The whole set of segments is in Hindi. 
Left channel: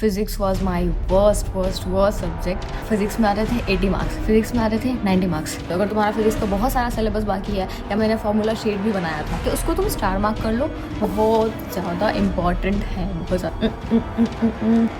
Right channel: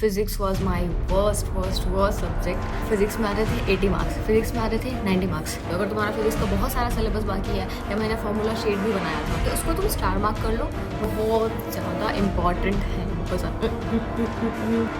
Physics was my worst subject. Physics में आते थे 80 मार्क्स, फिजिक्स में आते थे 90 मार्क्स। तो अगर तुम्हारा फिजिक्स का बहुत सारा सिलेबस बाकी है या मैंने फॉर्मूला शीट भी बनाया था कि उसको तुम स्टार मार्क कर लो, बहुत ज़्यादा इंपॉर्टेंट है, बहुत ज़्यादा।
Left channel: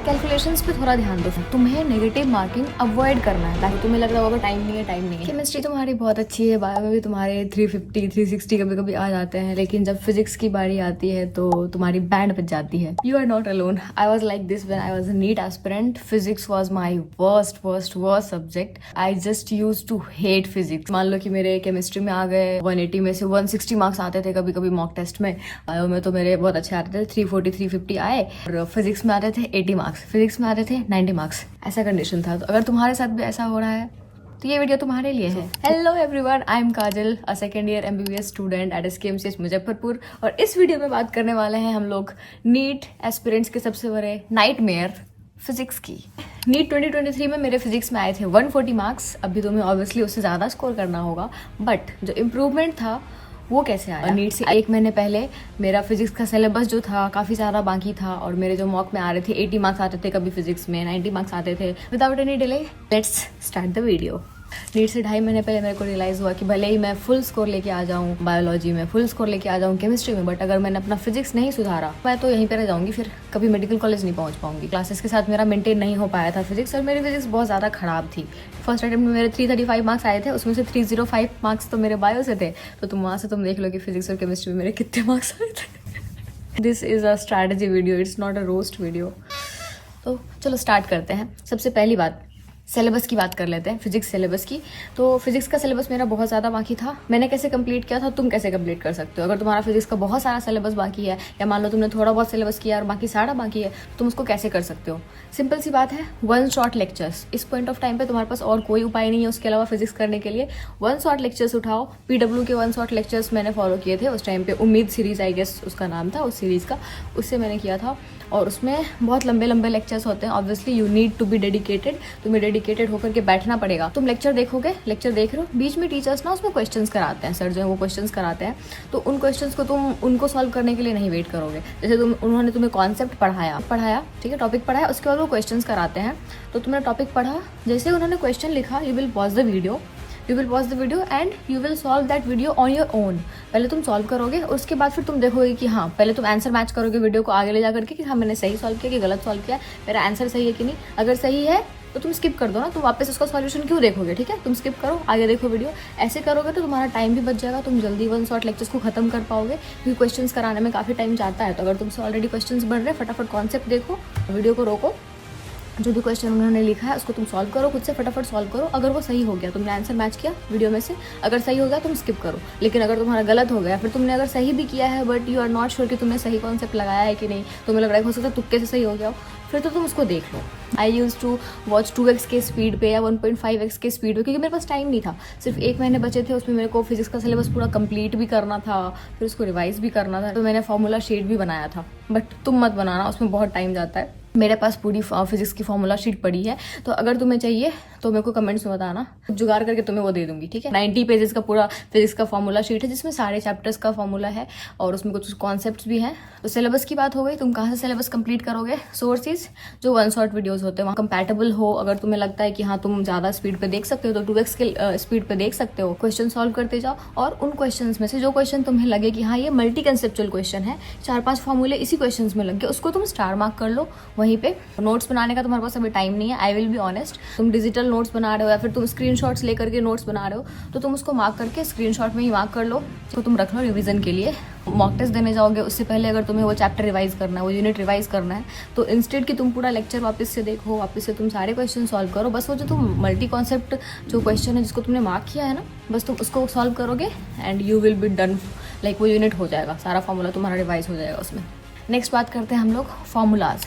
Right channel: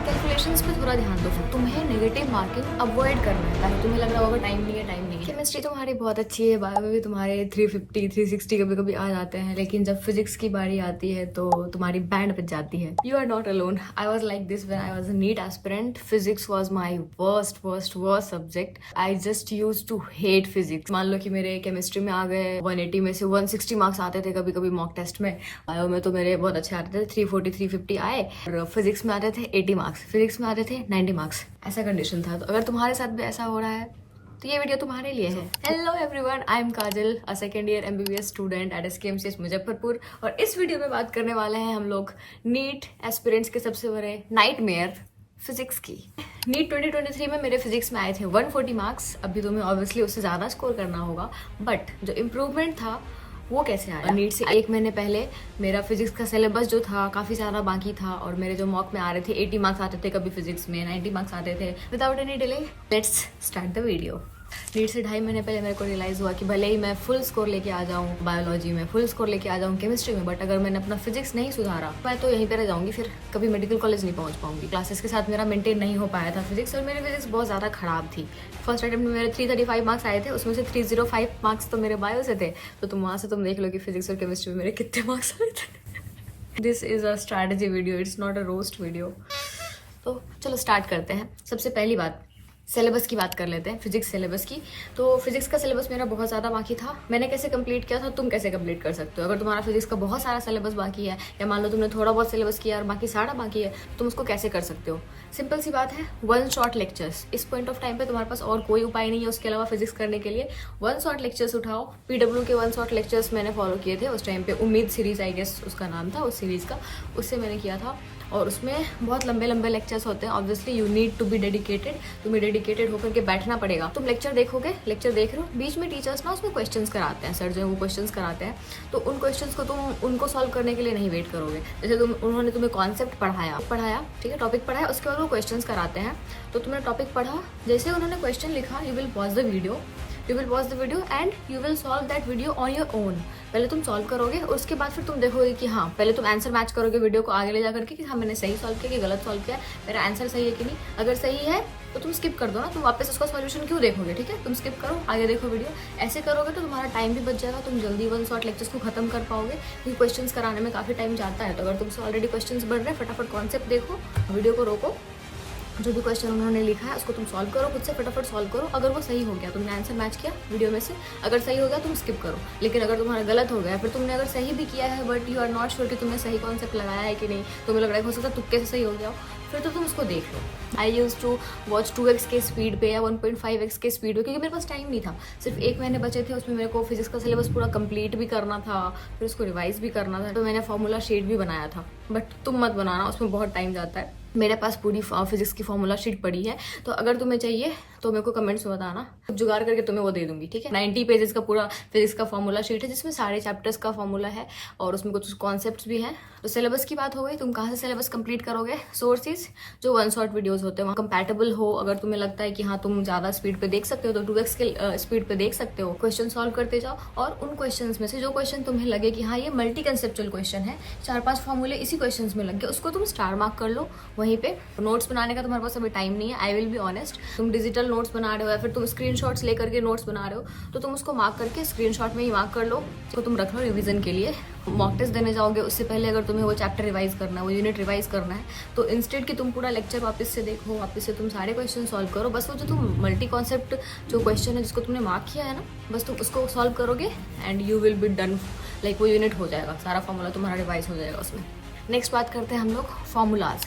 कैलकुलेशंस पे थोड़ा ध्यान दो, तुम्हें नेगेटिव मार्किंग अवॉइड करना है ताकि तुम्हें लग रहा होगा टाइम नहीं है। केमिस्ट्री तुम्हारी बहुत अच्छी है, बायो में भी तुम्हारे 350 360 कभी कभी आ जाते हैं, लेकिन जब फिजिक्स की बारी आती है तो तुम्हारी बैंड बज जाती है। You are not alone, I was like this when I was a NEET aspirant. Physics was my worst subject. I just use to hate physics. मान लो कि मेरे केमिस्ट्री में आ गए 180 में से 160 मार्क्स आते थे कभी कभी मॉक टेस्ट में। बायो में तो मेरे बहुत अच्छे आते थे, 340 350 आए। और फिजिक्स में आते थे 80 मार्क्स, फिजिक्स में आते थे 90 मार्क्स। ऐसा कंडीशन था। तो अगर तुम्हारे साथ भी ऐसा हो रहा है तो ये वीडियो तुम्हारे लिए है। Hello everyone, I am Kajal, a second year MBBS student at SKMCH Muzaffarpur. और इस वीडियो में बात करने वाले हैं हम लोग नीट एस्पिरेंट्स के सबसे बड़े नाइटमेयर फिजिक्स की। नीट 2023 में मेरे फिजिक्स में आए थे 140 मार्क्स। अभी तुम्हें ऑब्वियसली उससे ज़्यादा स्कोर करना होगा, बट जो इम्प्रूवमेंट था वो कैसे आया? नीट से 1 महीने पहले मेरा फिजिक्स का सिलेबस जो था काफ़ी सारा बाकी था और मेरे जो मॉक में आ रहे थे 80 मार्क्स आते थे, कभी फिजिक्स में 90 मार्क्स आते थे। Without any delay let's start the video. NEET से 2.5 महीने पहले मेरे को रियलाइज़ हुआ कि भले ही मैं फुल स्कोर लेके आ जाऊँ बायोलॉजी में, फुल स्कोर लेके आ जाऊँ केमिस्ट्री में, बट अगर मैंने अपना फिजिक्स नहीं सुधारा मैं तो यहीं पे रह जाऊँगी, फिर कभी मेडिकल कॉलेज नहीं पहुँच पाऊंगी। क्लासेस के साथ मेरा मेंटेन नहीं हो पाया था फिजिक्स, और मेरी फिजिक्स बहुत ज़्यादा खराब थी। फर्स्ट अटेम्प्ट में मेरे 335 मार्क्स आए थे, उसमें से 305 मार्क्स तो मेरे बायो से थे। तो तुम वहाँ से तुम देख लो कि फिजिक्स और केमिस्ट्री में मेरे कितने मार्क्स आए थे। This is a strategy video, it's not a roast video. तो चलो स्टार्ट करते हैं। सबसे पहली बात, सिलेबस की बात कर लेते हैं, फिजिक्स सिलेबस की। तो फिजिक्स का सिलेबस मेरा बहुत ज़्यादा बाकी था। मैंने कैसे कंप्लीट किया था, तुम कैसे कंप्लीट कर सकते हो? अगर तुम्हारा फिजिक्स का बहुत सारा सिलेबस बाकी है या मान लो तुमने थोड़ा बहुत सिलेबस किया और बाकी सारा बाकी है, तुम उसको कैसे कर सकते हो? सिंपल सी बात है, 1 शॉट लेक्चर्स। इस पॉइंट ऑफ टाइम पे तुम्हारे पास और कोई उपाय नहीं है उसके अलावा फिजिक्स करने के लिए। 1 शॉट लेक्चर्स उठाओ। PW के 1 शॉट लेक्चर्स मैंने फॉलो किए थे उस टाइम पे, उम्मीद सीरीज आई गेस उसका नाम था उस सीरीज़ का, उससे मैंने किया था। और उसमें बहुत लंबे लंबे लेक्चर्स होते हैं। Obviously you need to be dedicated, तुम्हें डेडिकेटेड होकर के बैठना पड़ेगा। तुम लेक्चर देखोगे, लेक्चर देख रहे हो, बीच में टीचर्स ना उसमें क्वेश्चंस कराते हैं, सर जो है वो क्वेश्चंस कराते हैं। तो उन क्वेश्चंस को तुम उनको सॉल्व करने के लिए नहीं वेट करोगे। जैसे उन्होंने तुम्हें कॉन्सेप्ट पढ़ाया, ठीक है, टॉपिक पढ़ाया, उसके बाद वो क्वेश्चंस कराते हैं। तो तुमने टॉपिक पढ़ा, जैसे उन्होंने क्वेश्चन लिखा, you will pause the video and you will solve that video on your own. पहले तुम सॉल्व करोगे, उसके बाद फिर तुम देखोगे कि हाँ, पहले तुम आंसर मैच करोगे वीडियो को आगे ले जा करके कि हाँ मैंने सही सॉल्व किया कि गलत सॉल्व किया, मेरा आंसर सही है कि नहीं। अगर सही है तो तुम स्किप कर दो ना, तुम वापस उसका सॉल्यूशन क्यों देखोगे? ठीक है, तुम स्किप करो, आगे देखो वीडियो। ऐसे करोगे तो तुम्हारा टाइम भी बच जाएगा, तुम जल्दी 1 शॉट लेक्चर्स को खत्म कर पाओगे, क्योंकि क्वेश्चंस कराने में काफ़ी टाइम जाता है। तो अगर तुमसे ऑलरेडी क्वेश्चंस बढ़ रहे हैं, फटाफट कॉन्सेप्ट देखो, वीडियो को रोको, जो भी क्वेश्चन उन्होंने लिखा है उसको तुम सॉल्व करो, खुद से फटाफट सॉल्व करो। अगर वो सही हो गया, तुमने आंसर मैच किया वीडियो में से, अगर सही हो गया तुम स्किप करो। लेकिन अगर तुम्हारा गलत हो गया, फिर तुमने अगर सही भी किया है but you are not sure कि तुमने सही कॉन्सेप्ट लगाया है कि नहीं, तुम्हें लग रहा है हो सकता है तुक्के से सही हो गया हो, फिर तो तुम उसको देख लो। आई यूज टू वॉच 2x के स्पीड पे या 1.5x के स्पीड पे, क्योंकि मेरे पास टाइम नहीं था। सिर्फ 1 महीने बचे थे, उसमें मेरे को फिजिक्स का सिलेबस पूरा कंप्लीट भी करना था, फिर उसको रिवाइज भी करना था। तो मैंने फॉर्मूला शीट भी बनाया था, बट तुम मत बनाना, उसमें बहुत टाइम जाता है। मेरे पास पूरी फिजिक्स की फॉर्मूला शीट पड़ी है, तो अगर तुम्हें चाहिए तो मेरे को कमेंट्स में बताना, जुगाड़ करके तुम्हें वो दे दूंगी, ठीक है। 90 पेजेस का पूरा फिजिक्स का फॉर्मूला शीट है, जिसमें सारे चैप्टर्स का फॉर्मूला है और उसमें कुछ कॉन्सेप्ट्स भी हैं। तो सिलेबस की बात हो गई, तुम कहाँ से सिलेबस कंप्लीट करोगे? सोर्सेज जो 1 शॉट वीडियोस होते हैं वहाँ कंपैटिबल हो। अगर तुम्हें लगता है कि हाँ तुम ज़्यादा स्पीड पे देख सकते हो तो 2x के स्पीड पे देख सकते हो। क्वेश्चन सॉल्व करते जाओ, और उन क्वेश्चन में से जो क्वेश्चन तुम्हें लगे कि हाँ ये मल्टी कंसेप्चुअल क्वेश्चन है, 4-5 फॉर्मूले इसी क्वेश्चन में लग गए, उसको तुम स्टार मार्क कर लो वहीं पे। नोट्स बनाने का तुम्हारे पास अभी टाइम नहीं है, आई विल बी ऑनेस्ट। तुम डिजिटल नोट्स बना रहे हो या फिर तुम स्क्रीनशॉट्स लेकर के नोट्स बना रहे हो, तो तुम उसको मार्क करके स्क्रीनशॉट में ही मार्क कर लो, तो तुम रख लो रिवीजन के लिए। मॉक टेस्ट देने जाओगे उससे पहले अगर तुम्हें वो चैप्टर रिवाइज करना है, वो यूनिट रिवाइज करना है, तो इंस्टेड कि तुम पूरा लेक्चर वापस से देखो, वापस से तुम सारे क्वेश्चन सॉल्व करो, बस वो जो तुम मल्टी कॉन्सेप्ट जो क्वेश्चन है जिसको तुमने मार्क किया है ना, बस तुम उसको सॉल्व करोगे and you will be done. Like वो यूनिट हो जाएगा, सारा फॉर्मूला तुम्हारा रिवाइज हो जाएगा उसमें। नेक्स्ट बात करते हैं हम लोग फॉर्मूलाज।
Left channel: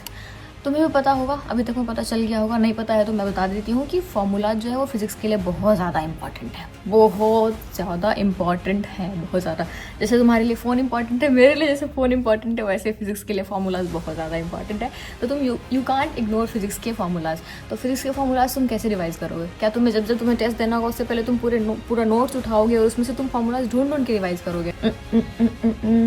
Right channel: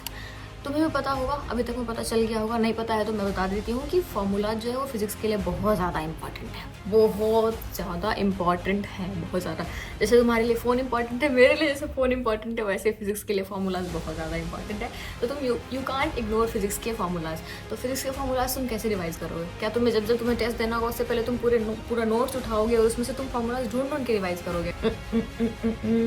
तुम्हें भी पता होगा, अभी तक में पता चल गया होगा, नहीं पता है तो मैं बता देती हूँ कि फॉर्मूला जो है वो फिजिक्स के लिए बहुत ज़्यादा इंपॉर्टेंट है, बहुत ज़्यादा इंपॉर्टेंट है, बहुत ज़्यादा। जैसे तुम्हारे लिए फ़ोन इंपॉर्टेंट है, मेरे लिए जैसे फ़ोन इंपॉर्टेंट है, वैसे फिजिक्स के लिए फॉर्मूलाज बहुत ज़्यादा इंपॉर्टेंट है। तो तुम यू कांट इग्नोर फिजिक्स के फॉर्मूलाज। तो फिजिक्स के फॉर्मूलाज तुम कैसे रिवाइज करोगे? क्या तुम्हें जब तुम्हें टेस्ट देना होगा उससे पहले तुम पूरा नोट्स उठाओगे और उसमें से तुम फॉर्मूलाज ढूंढ के रिवाइज करोगे?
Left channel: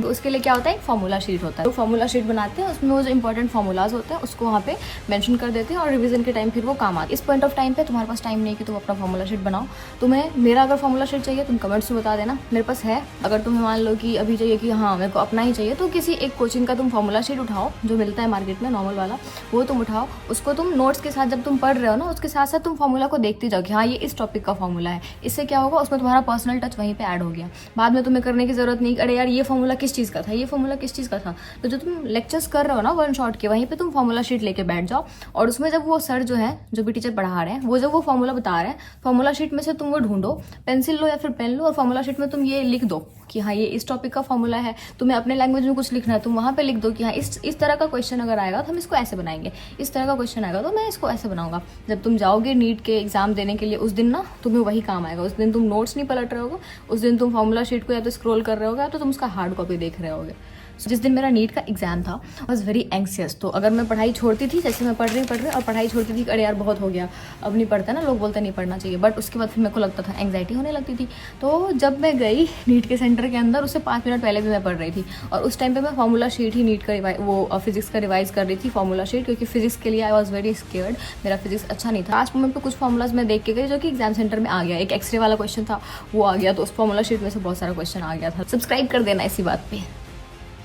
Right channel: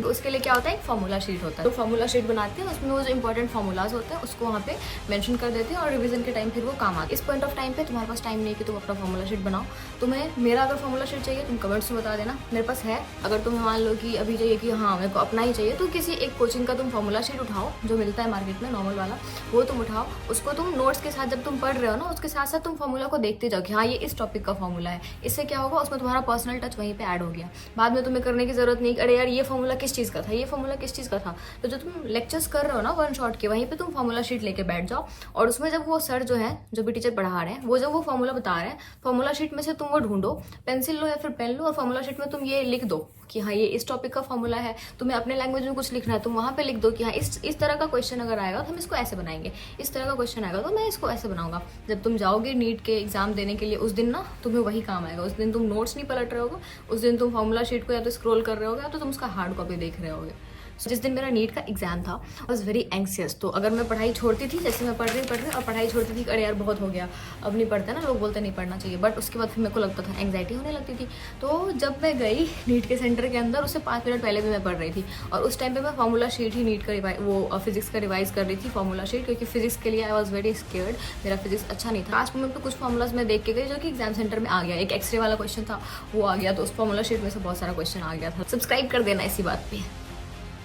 तो उसके लिए क्या होता है, एक फॉर्मूला शीट होता है। तो फॉर्मूला शीट बनाते हैं, उसमें वो जो इंपॉर्टेंट फॉर्मूलाज होते हैं उसको उसको वहाँ पे मेंशन कर देते हैं और रिवीजन के टाइम फिर वो काम आता है। इस पॉइंट ऑफ टाइम पे तुम्हारे पास टाइम नहीं है कि तुम अपना फॉर्मूला शीट बनाओ। तुम्हें मेरा अगर फॉर्मूला शीट चाहिए तुम कमेंट्स में बता देना, मेरे पास है। अगर तुम्हें मान लो कि अभी चाहिए कि हाँ मेरे को अपना ही चाहिए, तो किसी एक कोचिंग का तुम फॉर्मूला शीट उठाओ जो मिलता है मार्केट में नॉर्मल वाला, वो तुम उठाओ, उसको तुम नोट्स के साथ जब तुम पढ़ रहे हो ना उसके साथ साथ तुम फॉर्मूला को देखते जाओ कि हाँ ये इस टॉपिक का फॉर्मूला है। इससे क्या होगा, उसमें तुम्हारा पर्सनल टच वहीं पे ऐड हो गया। बाद में तुम्हें करने की जरूरत नहीं, अरे यार ये फॉर्मूला किस चीज़ का था, ये फॉर्मूला किस चीज़ का था। तो जो तुम लेक्चर्स कर रहे हो ना वन शॉट के, वहीं पे तुम फॉर्मूला शीट लेके बैठ जाओ और उसमें जब वो सर जो है, जो भी टीचर पढ़ा रहे हैं, वो जब वो फॉर्मूला बता रहे हैं, फॉर्मूला शीट में से तुम वो ढूंढो, पेंसिल लो या फिर पेन लो और फॉर्मूला शीट में तुम ये लिख दो कि हाँ ये इस टॉपिक का फॉर्मूला है। तुम्हें अपने लैंग्वेज में कुछ लिखना है, तुम वहाँ पे लिख दो कि हाँ इस तरह का क्वेश्चन अगर आएगा तो हम इसको ऐसे बनाएंगे, इस तरह का क्वेश्चन आएगा तो मैं इसको ऐसे बनाऊंगा। जब तुम जाओगे नीट के एग्जाम देने के लिए, उस दिन ना तुम्हें वही काम आएगा। उस दिन तुम नोट्स नहीं पलट रहे होगे, उस दिन तुम फॉर्मूला शीट को या तो स्क्रॉल कर रहे होगे या तो तुम उसका हार्ड कॉपी देख रहे होगे। जिस दिन मेरा नीट का एग्जाम था आई वॉज वेरी एंक्सियस। तो अगर मैं पढ़ाई छोड़ती थी, जैसे मैं पढ़ रही और पढ़ाई छोड़ती थी, अरे यार बहुत हो गया अब नहीं पढ़ता ना, लोग बोलते नहीं पढ़ना चाहिए, बट उसके बाद फिर मेरे को लगता था एंग्जाइटी होने लगती थी। तो जब मैं गई नीट के सेंटर के अंदर, उससे 5 मिनट पहले भी मैं पढ़ रही थी और उस टाइम पे मैं फॉर्मूला शीट ही नीट का वो फिजिक्स का रिवाइज कर रही थी, फॉर्मूला शीट, क्योंकि फिजिक्स के लिए आई वॉज वेरी स्केयर्ड। मेरा फिजिक्स अच्छा नहीं था। लास्ट मोमेंट पे कुछ फॉर्मूलाज मैं देख के गई जो कि एग्जाम सेंटर में आ गया। एक एक्सरे वाला क्वेश्चन था वो आ गया, तो उस फॉर्मूला शीट में से बहुत सारा क्वेश्चन आ गया था। सब्सक्राइब कर देना इसी बात पे।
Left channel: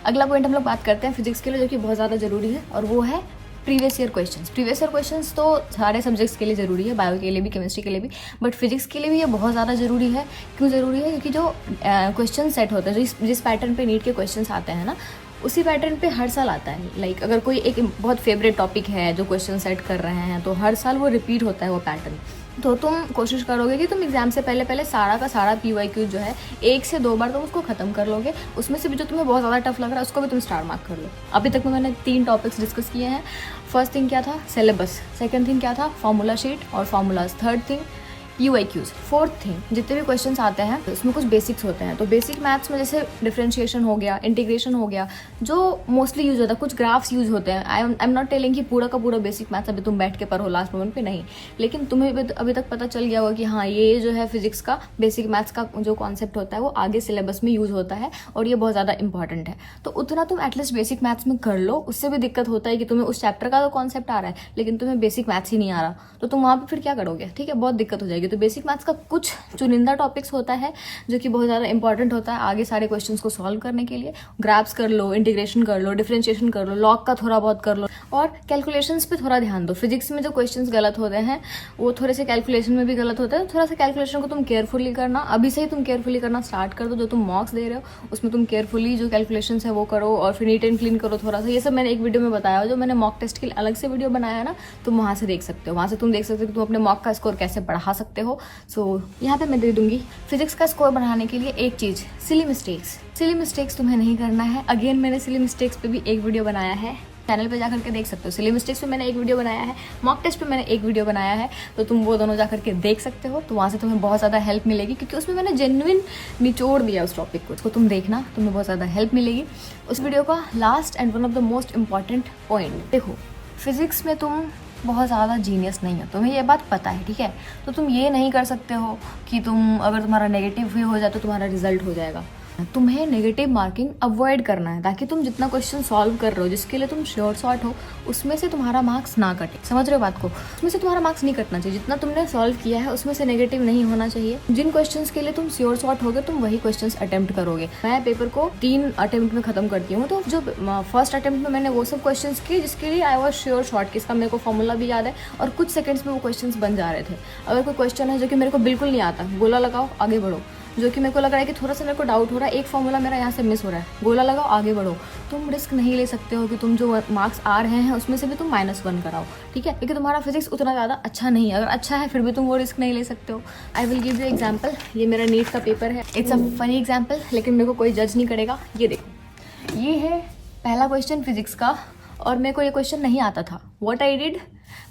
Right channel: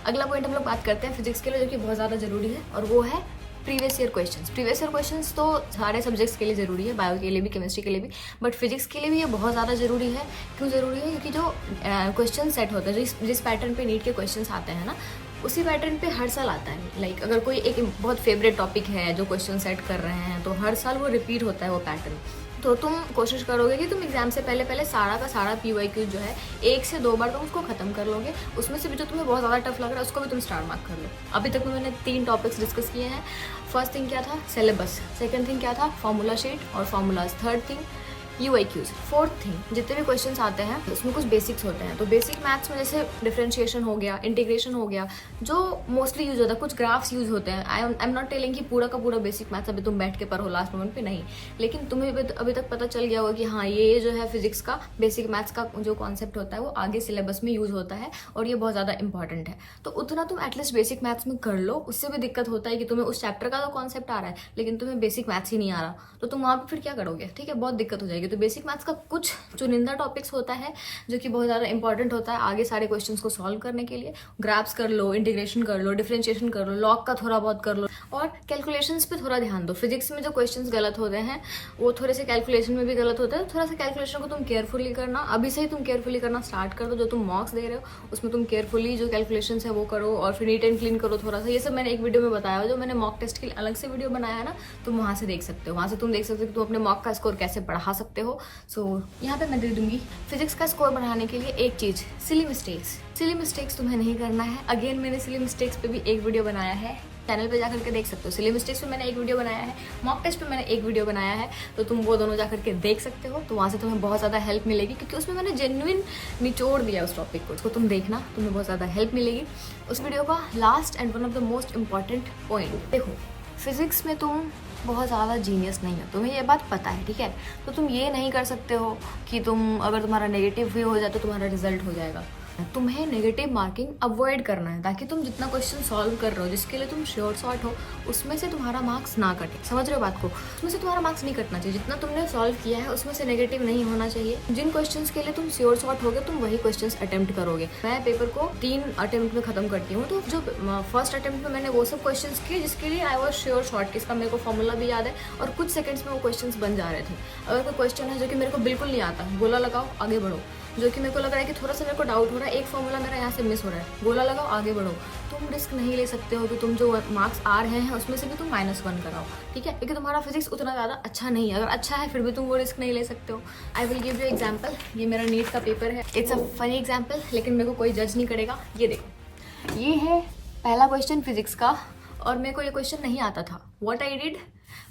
अगला पॉइंट हम लोग बात करते हैं फिजिक्स के लिए, जो कि बहुत ज़्यादा जरूरी है, और वो है previous year questions. Previous year questions तो सारे सब्जेक्ट्स के लिए ज़रूरी है, बायो के लिए भी, केमिस्ट्री के लिए भी, बट फिजिक्स के लिए भी ये बहुत ज़्यादा ज़रूरी है। क्यों ज़रूरी है? क्योंकि जो क्वेश्चन सेट होता है, जिस पैटर्न पे नीट के क्वेश्चंस आते हैं ना, उसी पैटर्न पे हर साल आता है। लाइक अगर कोई एक बहुत फेवरेट टॉपिक है जो क्वेश्चन सेट कर रहे हैं, तो हर साल वो रिपीट होता है वो पैटर्न। तो तुम कोशिश करोगे कि तुम एग्जाम से पहले सारा का सारा PYQ जो है 1 से 2 बार तो उसको खत्म कर लोगे। उसमें से भी जो तुम्हें बहुत ज़्यादा टफ लग रहा है उसको भी तुम स्टार मार्क कर लो। अभी तक में मैंने 3 टॉपिक्स डिस्कस किए हैं। फर्स्ट थिंग क्या था, सिलेबस। सेकंड थिंग क्या था, फॉर्मूला शीट और formulas. Third thing UIQs। Fourth thing, जितने भी क्वेश्चंस आते हैं उसमें कुछ बेसिक्स होते हैं। तो बेसिक मैथ्स में जैसे डिफरेंशिएशन हो गया, इंटीग्रेशन हो गया, जो मोस्टली यूज होता है। कुछ ग्राफ्स यूज होते हैं। आई एम नॉट टेलिंग कि पूरा का पूरा बेसिक मैथ्स अभी तुम बैठ के पढ़ो लास्ट मोमेंट पे, नहीं। लेकिन तुम्हें अभी तक पता चल गया होगा कि हाँ ये जो है फिजिक्स का बेसिक मैथ्स का जो कॉन्सेप्ट होता है वो आगे सिलेबस में यूज होता है और ये बहुत ज़्यादा इंपॉर्टेंट है। तो उतना तुम एटलीस्ट बेसिक मैथ्स में कर लो। उससे भी दिक्कत होता है कि तुम्हें उस चैप्टर का तो कॉन्सेप्ट आ रहा है लेकिन तुम्हें बेसिक मैथ्स ही नहीं आ रहा, तो तुम वहाँ पर फिर क्या करोगे? ठीक है, बहुत दिक्कत हो जाएगी। तो बेसिक मैथ्स का कुछ चुनिंदा टॉपिक्स होता है जो कि बहुत ज़्यादा इंपॉर्टेंट होता है आगे सारे क्वेश्चंस को सॉल्व करने के लिए। ग्राफ्स कर लो, इंटीग्रेशन कर लो, डिफरेंशिएशन कर लो, लॉग का थोड़ा बहुत कर लो और कैलकुलेशंस पे थोड़ा ध्यान दो। फिजिक्स में जो क्वेश्चंस गलत होते हैं वो थोड़े से कैलकुलेशन में भी गलत होते हैं। थोड़ा सा कैलकुलेशन को तुम केयरफुली करना, अभी से ही तुम केयरफुली करना स्टार्ट कर दो। जो तुम मॉक्स दे रहे हो उसमें तुम केयरफुली जो कैलकुलेशन है वो करो और फिर नीट एंड क्लीन करो थोड़ा सा। ये सब मैंने एक वीडियो में बताया, जो मैंने मॉक टेस्ट के लिए अलग से वीडियो बनाया है ना, तुम वहाँ से देख सकते हो। वहाँ से तुम देख सकते हो कि तुम अपने मॉक का स्कोर कैसे बढ़ा सकते हो। सो यहाँ पे मैं दे दूंगी फिजिक्स का स्कोर बढ़ाने के लिए एक चीज, सिली मिस्टेक्स। सिली मिस्टेक्स तुम्हें नहीं करना है। अगेन मैंने सिली मिस्टेक्स पे भी एक वीडियो बनाया है, चैनल पे जाकर के देख सकते हो। सिली मिस्टेक्स पे मैंने एक वीडियो बनाया है, मॉक टेस्ट पे मैंने एक वीडियो बनाया है, तो तुम वो दोनों जाकर के देख सकते हो। तो वहाँ से तुम्हें बहुत ज़्यादा हेल्प मिलेगी क्योंकि उसमें मैंने जेन्युइन निचोड़ दिया उस टॉपिक को। उसको तुम देखना, तुम्हें बहुत ज़्यादा हेल्प मिलेगी। उस वीडियो का last and one of the most important point, देखो फिजिक्स में तुम बहुत ज़्यादा जीनियस नहीं हो, तुम्हें ये बात पता है, ठीक है। तो तुम ये नहीं कर सकते हो कि तुम अगर तुम्हारा नेगेटिव भी हो जाए तो तुम्हारा रिजल्ट हो जाएगा। तुम्हें नेगेटिव मार्किंग अवॉइड करना है ताकि तुम जितना क्वेश्चन सॉल्व कर रहे हो, जिसके लिए तुम श्योर शॉट हो, उसमें से तुम्हारा मार्क्स ना कटे। समझ रहे हो बात को? उसमें से तुम्हारा मार्क्स नहीं कटना चाहिए। जितना तुमने सॉल्व किया है उसमें से नेगेटिव नहीं होना चाहिए। जिन क्वेश्चंस के लिए तुम श्योर शॉट होगे तुम वही क्वेश्चंस अटेम्प्ट करोगे। मैं पेपर को 3 अटेम्प्ट में खत्म करती हूँ। तो जो फर्स्ट अटेम्प्ट में मैंने वो सब क्वेश्चन किए जिसके लिए आई वॉज श्योर शॉट, इसका मेरे को फॉर्मूला भी याद है और कुछ सेकंड्स में वो क्वेश्चन बन जा रहे थे। अगर कोई क्वेश्चन है जो कि मेरे को बिल्कुल नहीं आता, गोला लगाओ आगे बढ़ो। जो कि मेरे को लग रहा है कि थोड़ा सा मेरे को डाउट हो रहा है, एक फॉर्मूला मेरा यहाँ से मिस हो रहा है, गोला लगाओ आगे बढ़ो। तुम रिस्क नहीं ले सकते हो कि तुम जो मार्क्स आ रहे हैं उसमें से भी तुम -1 कराओ, ठीक है, क्योंकि तुम्हारा फिजिक्स उतना ज़्यादा अच्छा नहीं है। अगर अच्छा है फिर भी तुम वो रिस्क नहीं ले सकते हो। I will give you example. ये मेरा नीट का पेपर है, इट्स अ फनी एग्जाम्पल, लेकिन मेरे को कोई जज नहीं करेगा। ये देखो, ये है पहला क्वेश्चन फिजिक्स का और मेरे को ये क्वेश्चन नहीं आता था। व्हाट आई डिड,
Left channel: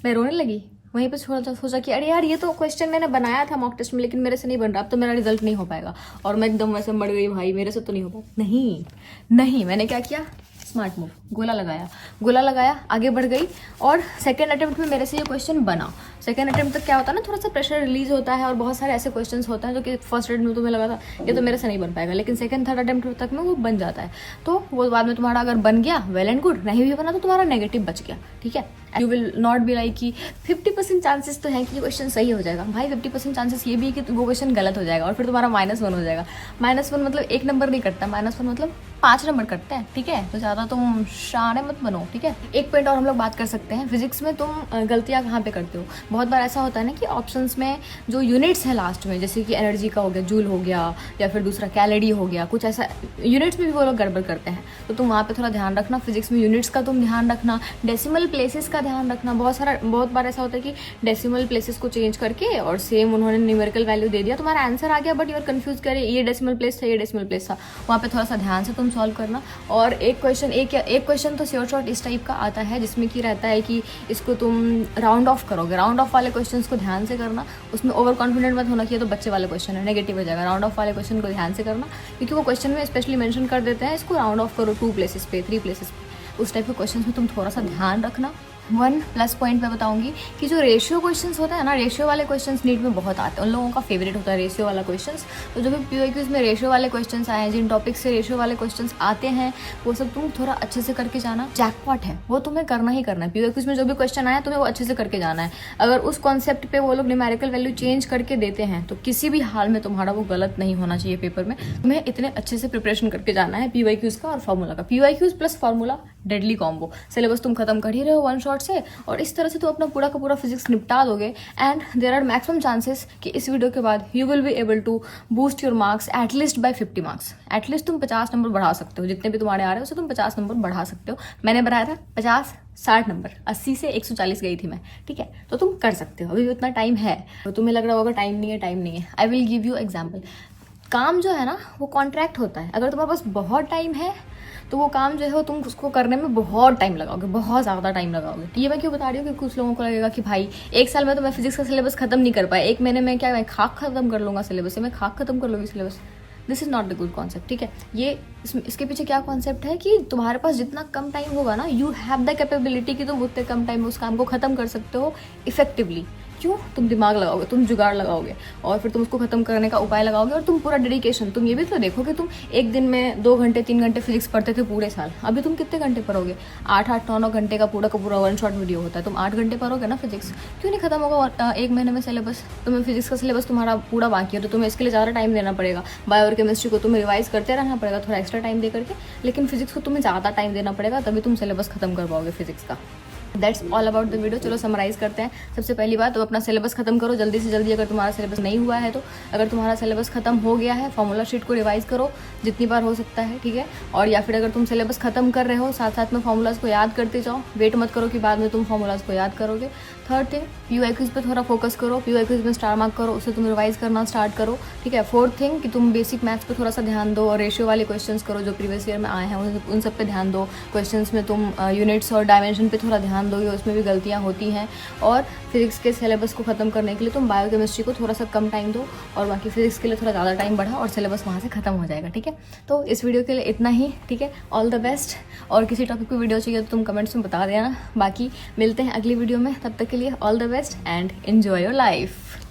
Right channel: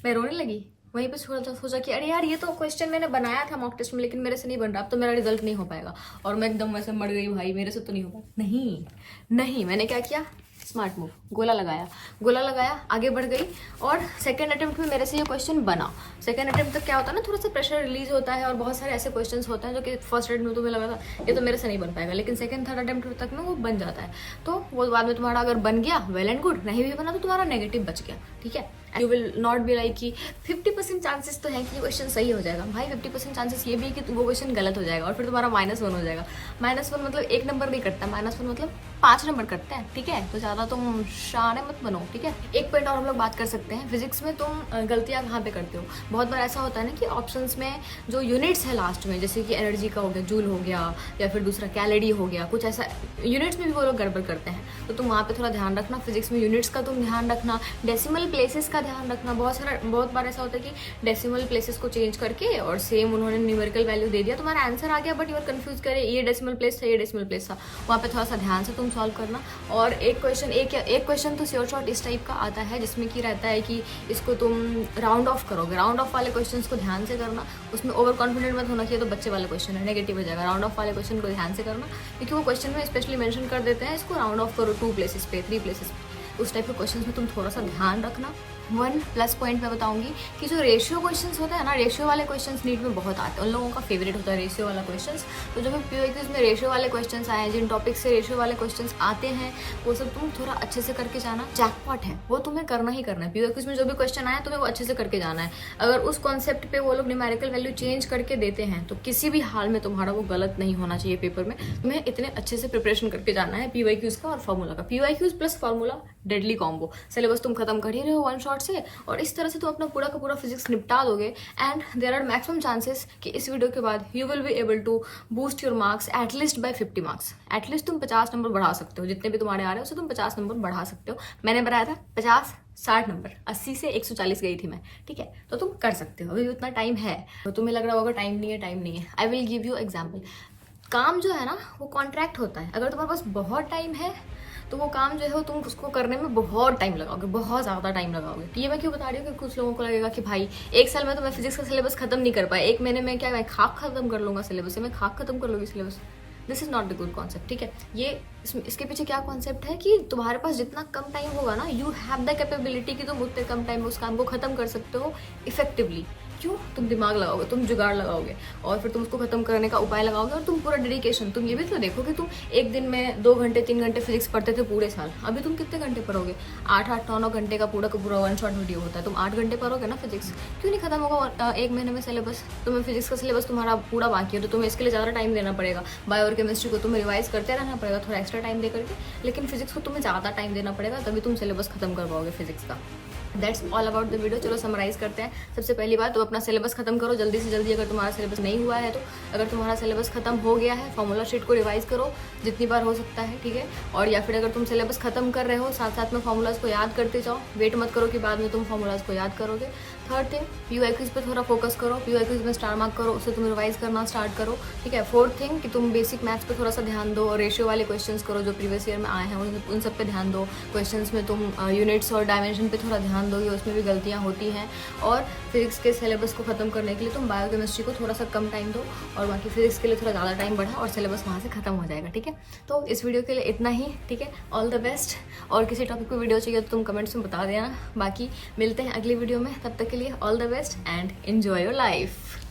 मैं रोने लगी। वहीं पे सोचा कि अरे यार ये तो क्वेश्चन मैंने बनाया था मॉक टेस्ट में लेकिन मेरे से नहीं बन रहा, अब तो मेरा रिजल्ट नहीं हो पाएगा। और मैं एकदम वैसे मर गई, भाई मेरे से तो नहीं हो पाएगा। नहीं, मैंने क्या किया, स्मार्ट मूव, गोला लगाया, आगे बढ़ गई और सेकंड अटेम्प्ट में मेरे से ये क्वेश्चन बना। सेकंड अटेम्प्ट तक क्या होता है ना, थोड़ा सा प्रेशर रिलीज होता है और बहुत सारे ऐसे क्वेश्चंस होते हैं जो कि फर्स्ट अटेम्प्ट में तुम्हें लगा था ये तो मेरे से नहीं बन पाएगा, लेकिन सेकंड थर्ड अटेम्प्ट तक में वो बन जाता है। तो वो बाद में तुम्हारा अगर बन गया वेल एंड गुड, नहीं भी बना तो तुम्हारा नेगेटिव बच गया, ठीक है। You will not be like कि 50% चांसेस तो है कि क्वेश्चन सही हो जाएगा। भाई 50% चांसेस ये भी है कि वो क्वेश्चन गलत हो जाएगा और फिर तुम्हारा -1 हो जाएगा। -1 मतलब 1 नंबर नहीं कटता, -1 मतलब 5 नंबर कटते हैं, ठीक है। तो ज़्यादा तुम शाने मत बनो, ठीक है। एक पॉइंट और हम लोग बात कर सकते हैं, फिजिक्स में तुम गलतियाँ कहाँ पे करते हो। बहुत बार ऐसा होता है ना कि ऑप्शंस में जो यूनिट्स है लास्ट में, जैसे कि एनर्जी का हो गया, जूल हो गया, या फिर दूसरा कैलोरी हो गया, कुछ ऐसा यूनिट्स में भी वो लोग गड़बड़ करते हैं। तो तुम वहाँ पे थोड़ा ध्यान रखना, फिजिक्स में यूनिट्स का तुम ध्यान रखना, डेसिमल प्लेसेस का ध्यान रखना। बहुत बार ऐसा होता है कि डेसिमल प्लेसेस को चेंज करके और सेम उन्होंने न्यूमेरिकल वैल्यू दे दिया, तुम्हारा आंसर आ गया बट यू आर कंफ्यूज करे ये डेसिमल प्लेस था, ये डेसिमल प्लेस था। वहाँ पे थोड़ा सा ध्यान से तुम सॉल्व करना। और एक क्वेश्चन तो शॉर्ट इस टाइप का आता है जिसमें कि रहता है कि इसको तुम राउंड ऑफ करोगे। राउंड ऑफ वाले क्वेश्चंस को ध्यान से करना, उसमें ओवर कॉन्फिडेंट मत होना कि ये तो बच्चे वाले क्वेश्चन है, नेगेटिव हो जाएगा। राउंड ऑफ वाले क्वेश्चन को ध्यान से करना, क्योंकि वो क्वेश्चन में स्पेशली मेंशन कर देते हैं इसको राउंड ऑफ करो 2 प्लेसेस पे, 3 प्लेसेस पे। उस टाइप के क्वेश्चन में तुम थोड़ा सा ध्यान रखना। 1 प्लस पॉइंट मैं बताऊंगी कि जो रेशियो क्वेश्चंस होता है ना, रेशियो वाले क्वेश्चंस नीट में बहुत आते हैं, उन लोगों का फेवरेट होता है रेशियो वाला क्वेश्चंस। तो जो भी PYQs में रेशियो वाले क्वेश्चंस आए हैं, जिन टॉपिक से रेशियो वाले क्वेश्चंस आते हैं, वो सब तुम थोड़ा अच्छे से करके जाना। जैकपॉट है, वो तुम्हें करना ही करना है। PYQs में जो भी क्वेश्चन आया तुम्हें वो अच्छे से करके जाना है। अगर उस कॉन्सेप्ट पे वो लोग न्यूमेरिकल वैल्यू चेंज करके देते हैं तो किसी भी हाल में तुम्हारा वो गलत नहीं होना चाहिए पेपर में। तुम्हें इतने अच्छे से प्रिपरेशन करके जाना है PYQs का और फार्मूला का। PYQs plus formula deadly combo. Syllabus तुम खत्म कर ही रहे हो 1 शॉट से, और इस तरह से तुम अपना पूरा का पूरा फिजिक्स निपटा दोगे। And there are maximum chances कि इस वीडियो के बाद you will be able to boost your marks at least by 50 marks. At least तुम 50 नंबर बढ़ा सकते हो, जितने भी तुम्हारे आ रहे हो उससे तुम 50 नंबर बढ़ा सकते हो। मैंने बढ़ाया था 50-60 नंबर, 80 से 140 गई थी मैं, ठीक है। तो तुम कर सकते हो, अभी उतना टाइम है। तो तुम्हें लग रहा होगा टाइम नहीं है। I will give you example. काम जो है ना वो कॉन्ट्रैक्ट होता है। अगर तुम्हारे पास बहुत टाइम है तो वो काम जो है वो तुम उसको करने में बहुत टाइम लगाओगे, बहुत ज़्यादा टाइम लगाओगे। ये मैं क्यों बता रही हूँ कि कुछ लोगों को लगेगा कि भाई 1 साल में तो मैं फिजिक्स का सिलेबस खत्म नहीं कर पाया, 1 महीने में क्या मैं खाक खत्म कर लूँगा सिलेबस से, मैं खाक खत्म कर लूँगी syllabus. This is not the good concept, ठीक है। ये इसके पीछे क्या कॉन्सेप्ट है कि तुम्हारे पास जितना कम टाइम होगा ना, यू हैव द कैपेबिलिटी कि तुम उतने कम टाइम में उस काम को खत्म कर सकते हो इफेक्टिवली। क्यों? तुम दिमाग लगाओगे, तुम जुगाड़ लगाओगे और फिर तुम उसको खत्म करने का उपाय लगाओगे, और तुम पूरा डेडिकेशन। तुम ये भी तो देखो कि तुम एक दिन में 2 घंटे 3 घंटे फिजिक्स पढ़ते थे पूरे साल, अभी तुम कितने घंटे पढ़ोगे? 8-8 9 घंटे का पूरा 1 शॉट वीडियो होता है। तुम 8 घंटे पढ़ोगे ना फिजिक्स, क्यों नहीं खत्म होगा 1 महीने में सिलेबस? तुम्हें फिजिक्स का सिलेबस तुम्हारा पूरा बाकी है तो तुम्हें इसके लिए ज़्यादा टाइम देना पड़ेगा। बायो और केमिस्ट्री को तुम्हें रिवाइज करते रहना पड़ेगा थोड़ा एक्स्ट्रा टाइम दे करके, लेकिन फिजिक्स को तुम्हें ज़्यादा टाइम देना पड़ेगा, तभी तुम सिलेबस खत्म कर पाओगे फिजिक्स का। That's all about the video. चलो समराइज करते हैं। सबसे पहली बात तो अपना सिलेबस खत्म करो जल्दी से जल्दी। अगर तुम्हारा सिलेबस नहीं हुआ है तो, अगर तुम्हारा सिलेबस खत्म हो गया है, फॉर्मूला शीट को रिवाइज करो जितनी बार हो सकता है, ठीक है। और या फिर अगर तुम सिलेबस खत्म कर रहे हो साथ साथ में फॉर्मूलाज को याद करते जाओ, वेट मत करो कि बाद में तुम फॉर्मूलाज को याद करोगे। थर्ड थिंग, PYQs पे थोड़ा फोकस करो, PYQs में स्टार मार्क करो, उससे तुम रिवाइज करना स्टार्ट करो, ठीक है। फोर्थ थिंग कि तुम बेसिक मैथ्स पे थोड़ा सा ध्यान दो और रेशियो वाले क्वेश्चंस करो जो प्रीवियस ईयर में आए हैं उन सब पे ध्यान दो। क्वेश्चंस में तुम यूनिट्स और डायमेंशन पे थोड़ा ध्यान दोगे, उसमें भी गलतियाँ होती हैं। और फिजिक्स के सिलेबस को खत्म करने के लिए तुम बायो केमिस्ट्री को थोड़ा सा कम टाइम दो और बाकी फिजिक्स के लिए थोड़ा ज़्यादा टाइम बढ़ा और सिलेबस वहाँ से खत्म हो जाएगा, ठीक है। तो इस वीडियो के लिए इतना ही, ठीक है। All the best. और किसी टॉपिक पे वीडियो चाहिए तो तुम कमेंट्स में बता देना। बाकी मिलते हैं अगली वीडियो में, तब तक के लिए all the best and enjoy your life.